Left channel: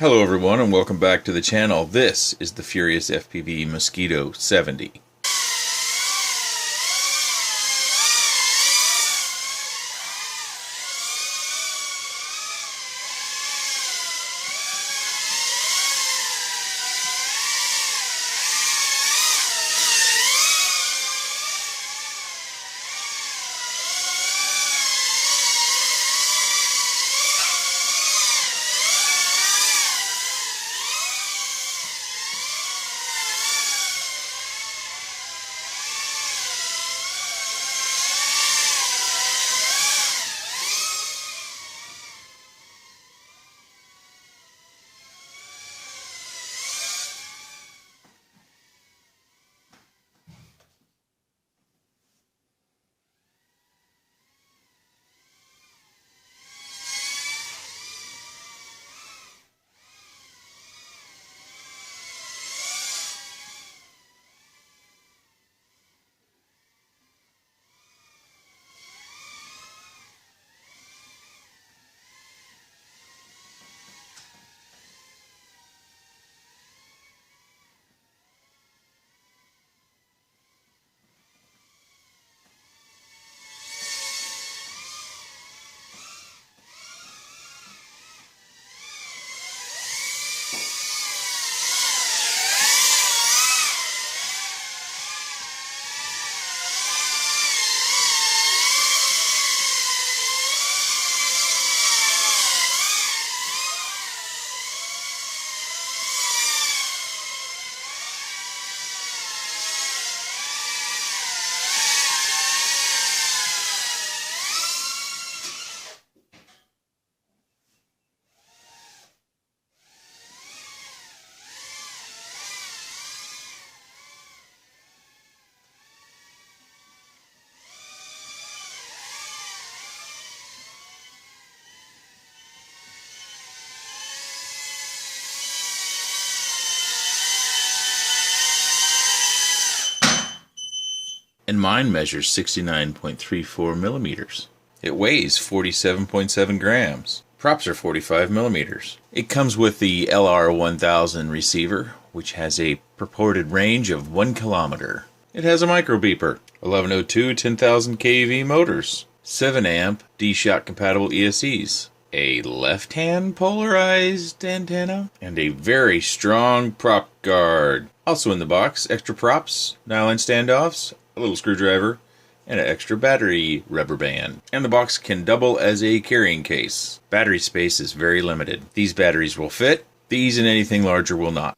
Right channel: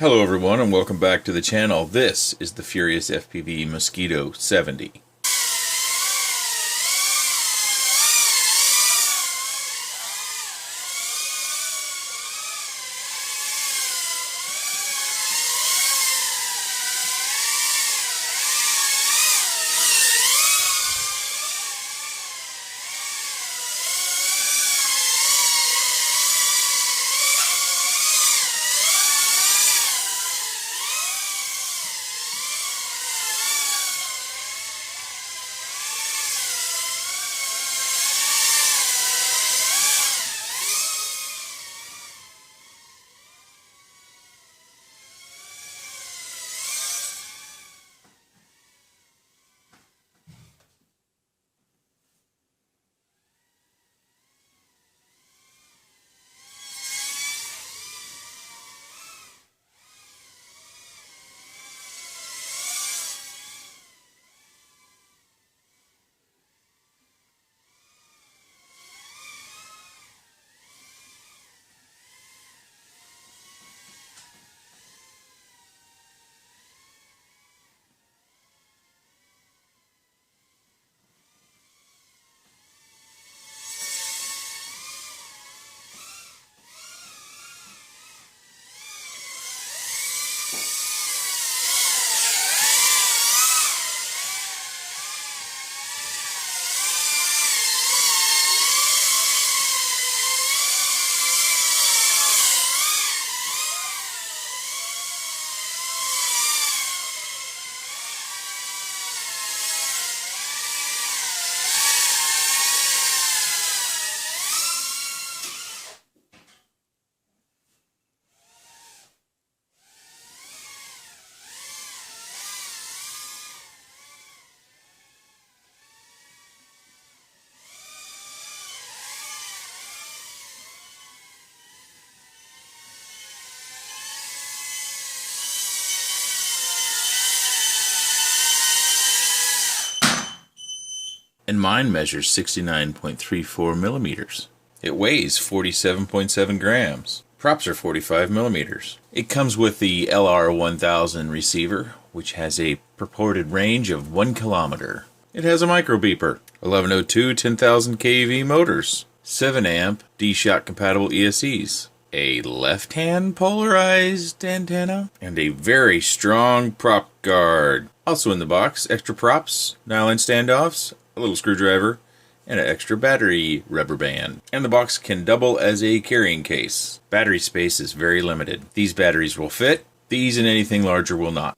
Hello everyone and welcome back to the channel. This is the Furious FPV Mosquito 70. And mine measures 69.34 millimeters. It weighs 47.7 grams. Props are 45 millimeters. It comes with the LR1000 receiver, which has a purported range of 1 kilometer. It has a micro beeper, 1102 10,000 kV motors, 7 amp D-Shot compatible ESCs, a left-hand polarized antenna, and a very strong prop guard. Also in the box, extra props, nylon standoffs, a little screwdriver, and an extra battery rubber band. And the box can double as a carrying case. Battery space is very limited. These batteries will fit, these and anything larger will not.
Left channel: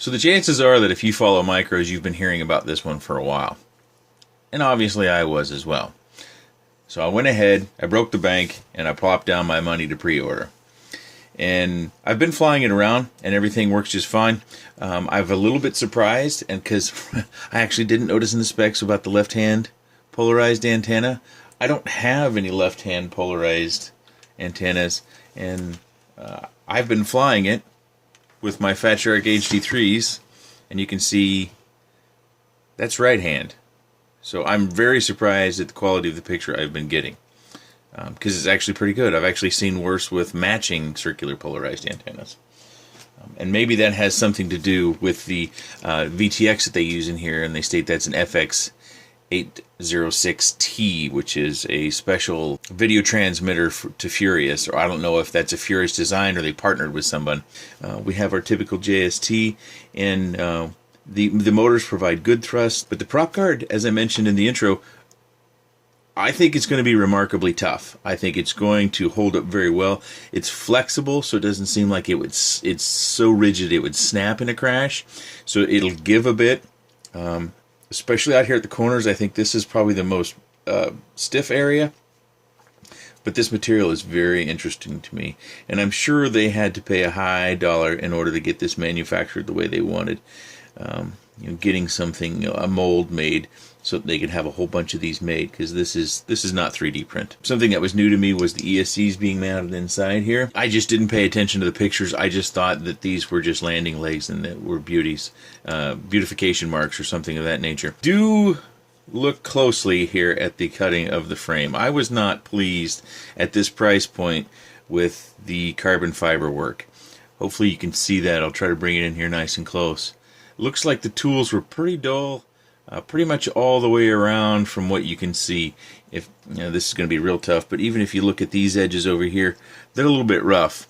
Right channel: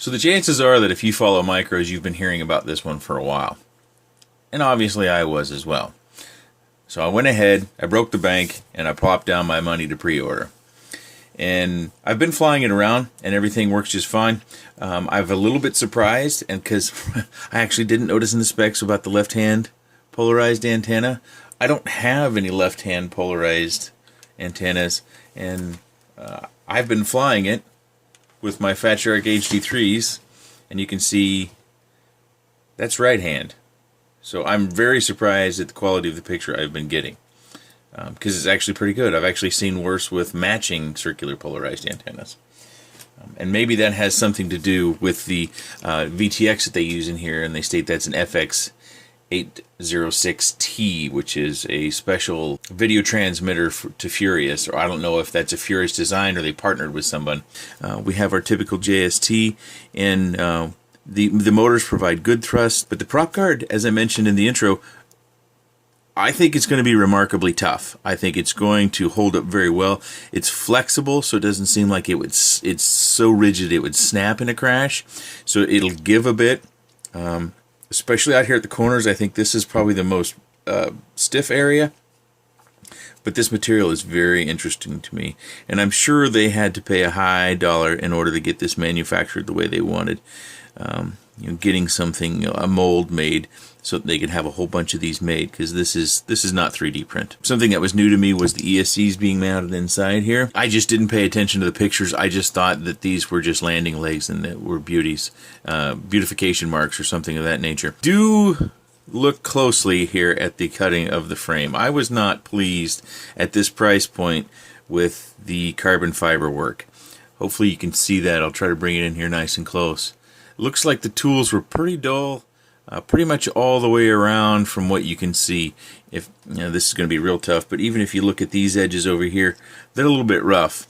So the chances are that if you follow micros, you've been hearing about this one for a while. And obviously I was as well. So I went ahead, I broke the bank, and I plopped down my money to pre-order. And I've been flying it around, and everything works just fine. I'm a little bit surprised, and because I actually didn't notice in the specs about the left-hand polarized antenna. I don't have any left-hand polarized antennas, and I've been flying it with my Fat Shark HD3s, and you can see that's right-hand. So I'm very surprised at the quality of the picture I've been getting, because it's actually pretty good. I've actually seen worse with matching circular polarized antennas. And maybe that has something to do with the VTX that they use in here, and they state that's an FX806T, which is a special video transmitter to Furious, or I don't know if that's a Furious design or they partnered with someone. We have our typical JST, and the motors provide good thrust, but the prop guard, as I mentioned in the intro, I think it's going to be remarkably tough. I think it's going to hold up very well. It's flexible, so it doesn't seem like it's so rigid it would snap in a crash. So it'll give a bit, especially out here at the corners. I think this is probably the most stiff area. But this material is very interesting to me, and I'm sure they had to pay a high dollar in order to get this manufactured the way they wanted. Getting something, a mold made, so that they could have a whole bunch of these made, because this is not 3D print. Something that was new to me was the ESCs being mounted inside here. I just didn't pay attention to the pictures. I just thought that these were just landing legs and that were beauties, beautification marks or something of that nature. Do look closely here at the cutting of the frame. I was not pleased at this price point with the carbon fiber work. Hopefully you can see that. I'll try to bring it in here nice and close. Looks like the tools were pretty dull, pretty much all the way around from what you can see. If this is going to be real tough, but even if you look at these edges over here, they're a little bit rough.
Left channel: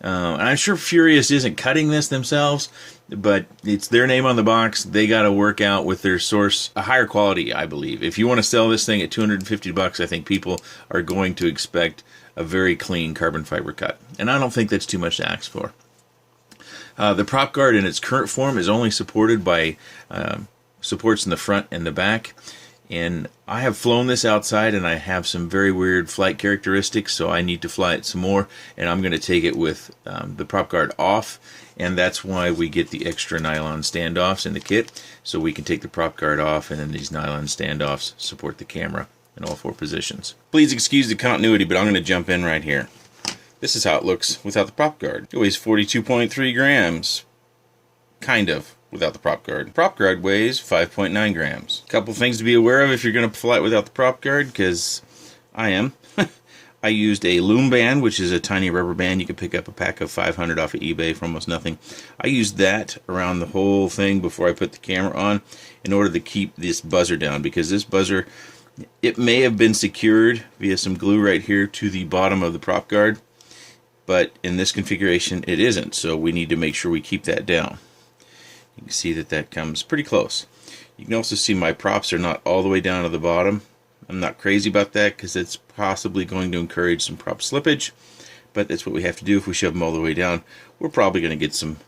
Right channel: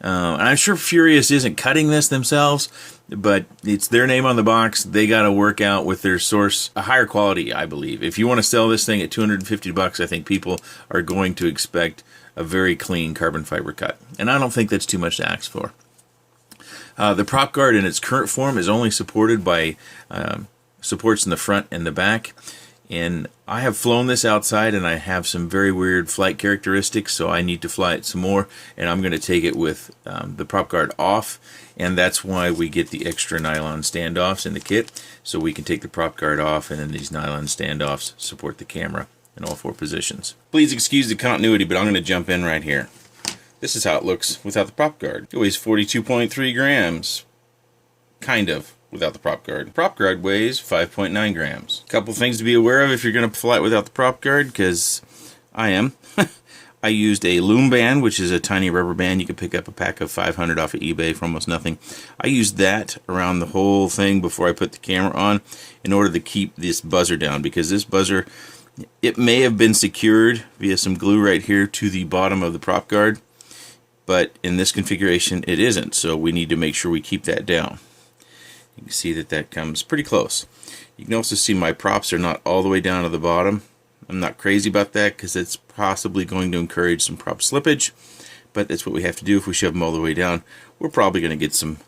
And I'm sure Furious isn't cutting this themselves, but it's their name on the box. They got to work out with their source a higher quality, I believe. If you want to sell this thing at $250, I think people are going to expect a very clean carbon fiber cut, and I don't think that's too much to ask for. The prop guard in its current form is only supported by supports in the front and the back. And I have flown this outside, and I have some very weird flight characteristics, so I need to fly it some more. And I'm going to take it with the prop guard off, and that's why we get the extra nylon standoffs in the kit, so we can take the prop guard off, and then these nylon standoffs support the camera in all 4 positions. Please excuse the continuity, but I'm going to jump in right here. This is how it looks without the prop guard. It weighs 42.3 grams, kind of, without the prop guard. The prop guard weighs 5.9 grams. A couple things to be aware of if you're going to fly it without the prop guard, because I am. I used a loom band, which is a tiny rubber band. You can pick up a pack of 500 off of eBay for almost nothing. I used that around the whole thing before I put the camera on in order to keep this buzzer down, because this buzzer, it may have been secured via some glue right here to the bottom of the prop guard, but in this configuration it isn't, so we need to make sure we keep that down. You can see that that comes pretty close. You can also see my props are not all the way down to the bottom. I'm not crazy about that because it's possibly going to encourage some prop slippage, but that's what we have to do. If we shove them all the way down, we're probably going to get some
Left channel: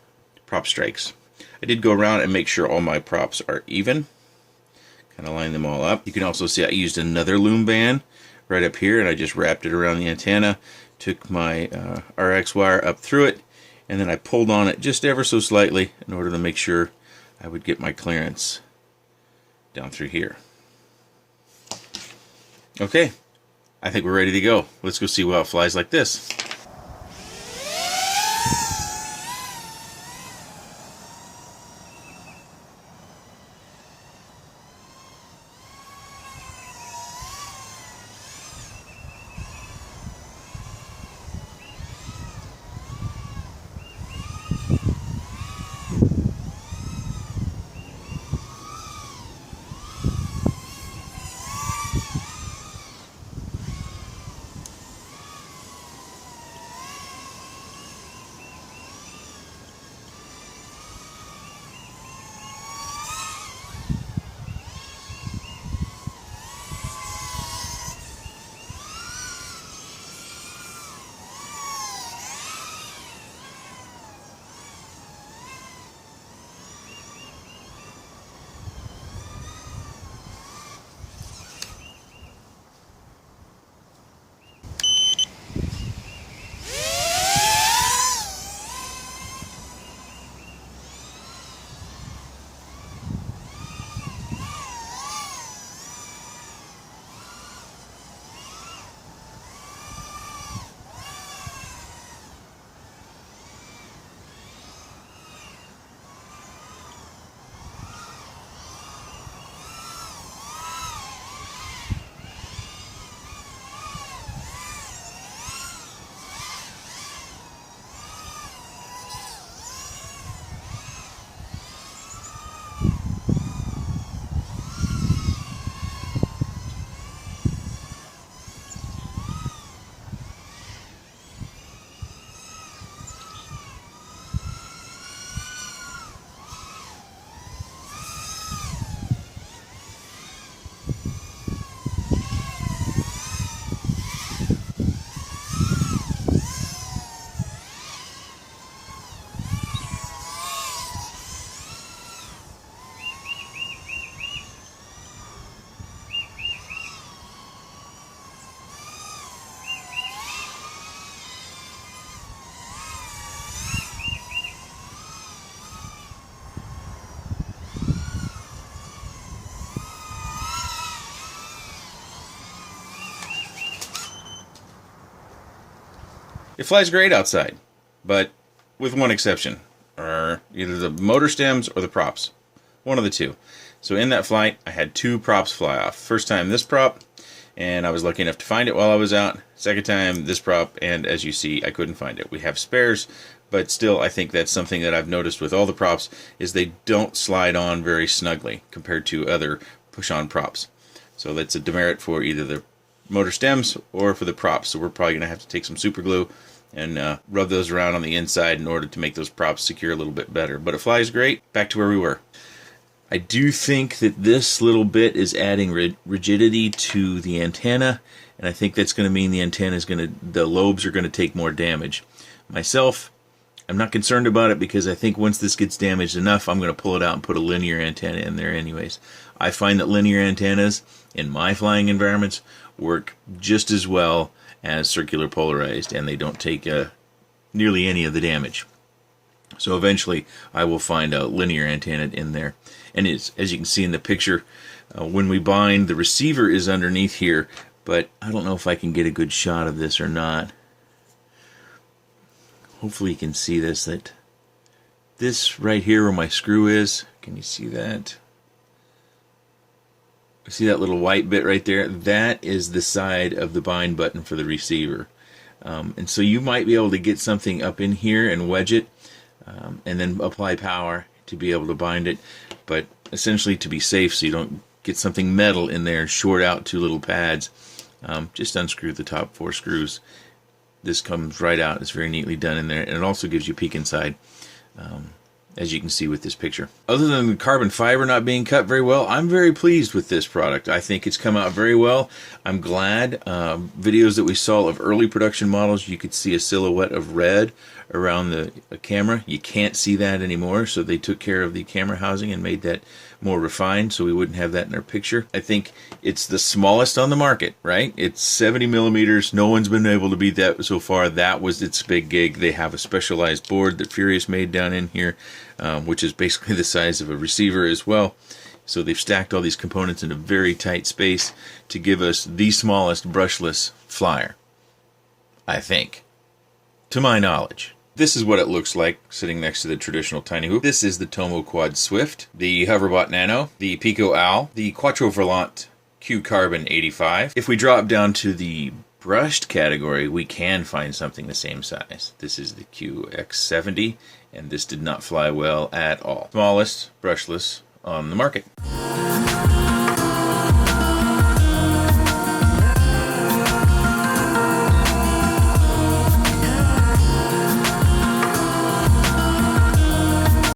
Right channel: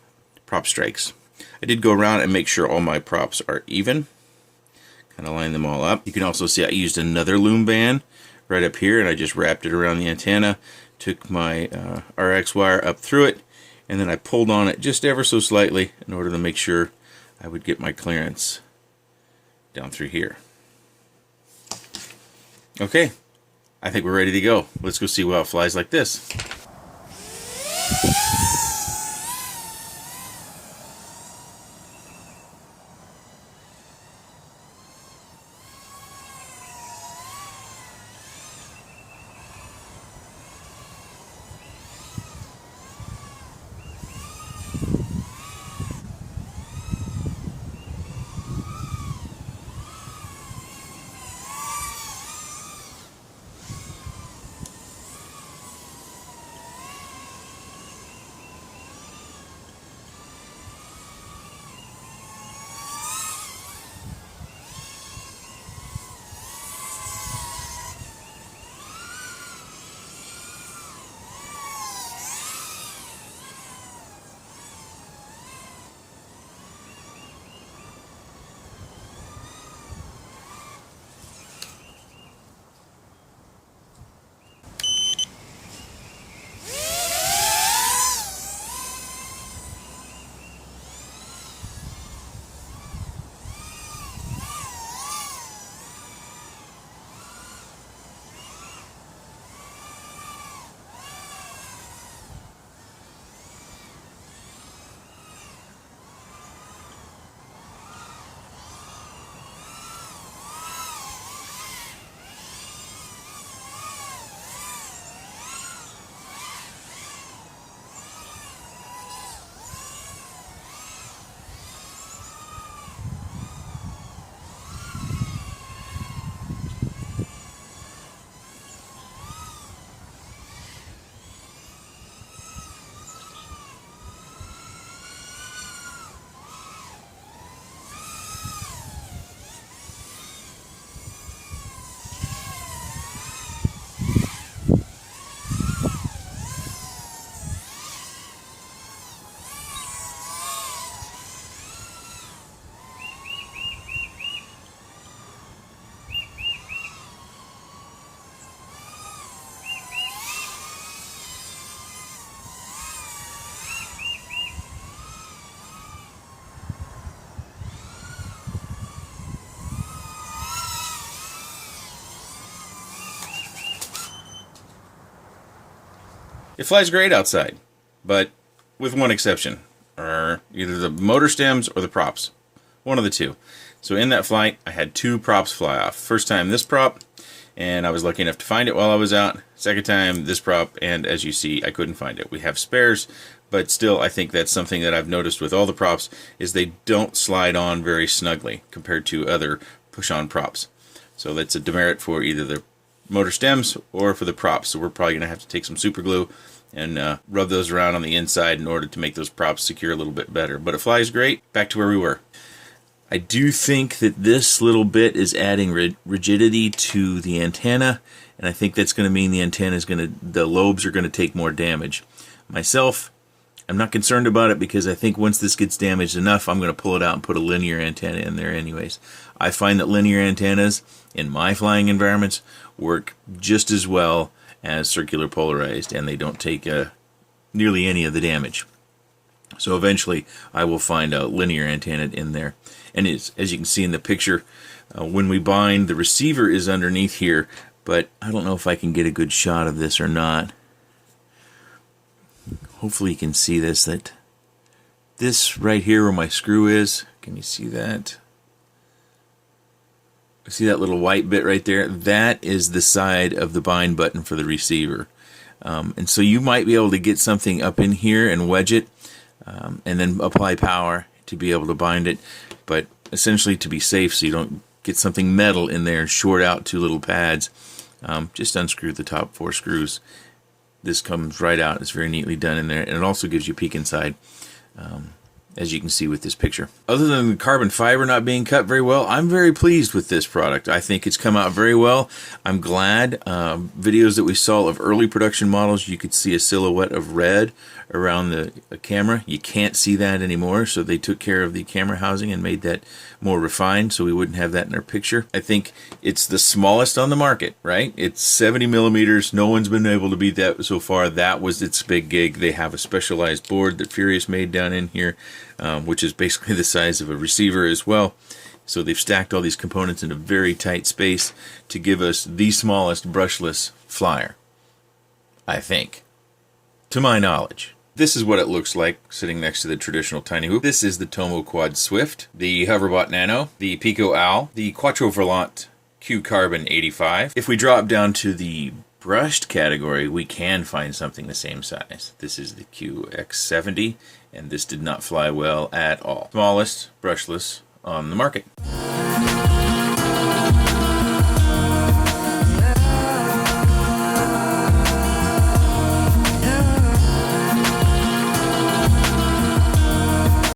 prop strikes. I did go around and make sure all my props are even. Kind of line them all up. You can also see I used another loom band right up here, and I just wrapped it around the antenna. Took my RX wire up through it, and then I pulled on it just ever so slightly in order to make sure I would get my clearance down through here. Okay, I think we're ready to go. Let's go see how it flies like this. It flies great outside, but with one exception, or either the motor stems or the props. One of the two. So in that flight, I had 2 props fly off. First time this prop, and I was lucky enough to find it while I was out. Second time this prop, and as you see, I couldn't find it. We have spares, but still, I think that's something that I've noticed with all the props, is they don't slide on very snugly compared to other push-on props. So that's a demerit for either the motor stems or for the props. So we're probably going to have to take some super glue and rub those around on the inside in order to make those props secure a little bit better. But it flies great. Back to where we were. I do think that this little bit is adding rigidity to the antenna, and I think that's going to mean the lobes are going to take more damage. Myself, I'm not concerned about it because I think once this gets damaged enough, I'm going to pull it out and put a linear antenna in there anyways. I find that linear antennas in my flying environments work just as well as circular polarized, and they don't take nearly any of the damage. So eventually I will find a linear antenna in there. And as you can see in the picture, when we bind, the receiver is underneath here, but I don't know if I can get a good shot of this or not. Hopefully you can see this, that this right here where my screw is, can you see that? See that little white bit right there? That is the side of the bind button for the receiver. And so you might be able to get something up in here and wedge it, and then apply power to be able to bind it. But essentially, to be safe, so you don't get something metal in there and short out 2 little pads, just unscrew the top 4 screws. This comes right out. It's very neatly done in there, and it also gives you a peek inside, as you can see with this picture. Other than the carbon fiber not being cut very well, I'm very pleased with this product. I think it's come out very well. I'm glad. Videos that we saw of early production models, you could see a silhouette of red around the camera. You can't see that anymore, so they took care of the camera housing and made that more refined so we wouldn't have that in our picture. I think it's the smallest on the market, right? It's 70 millimeters. No one's been able to beat that so far. That was its big gig. They have a specialized board that Furious made down in here, which is basically the size of a receiver as well. So they've stacked all these components in a very tight space to give us the smallest brushless flyer, I think, to my knowledge. This is what it looks like sitting next to the traditional tiny hoop. This is the Tomo Quad Swift, the Hoverbot Nano, the Pico Owl, the Quattro Volant Q Carbon 85. If we drop down to the brushed category, we can find something the same size. This is the QX70, and this did not fly well at all. Smallest brushless on the market.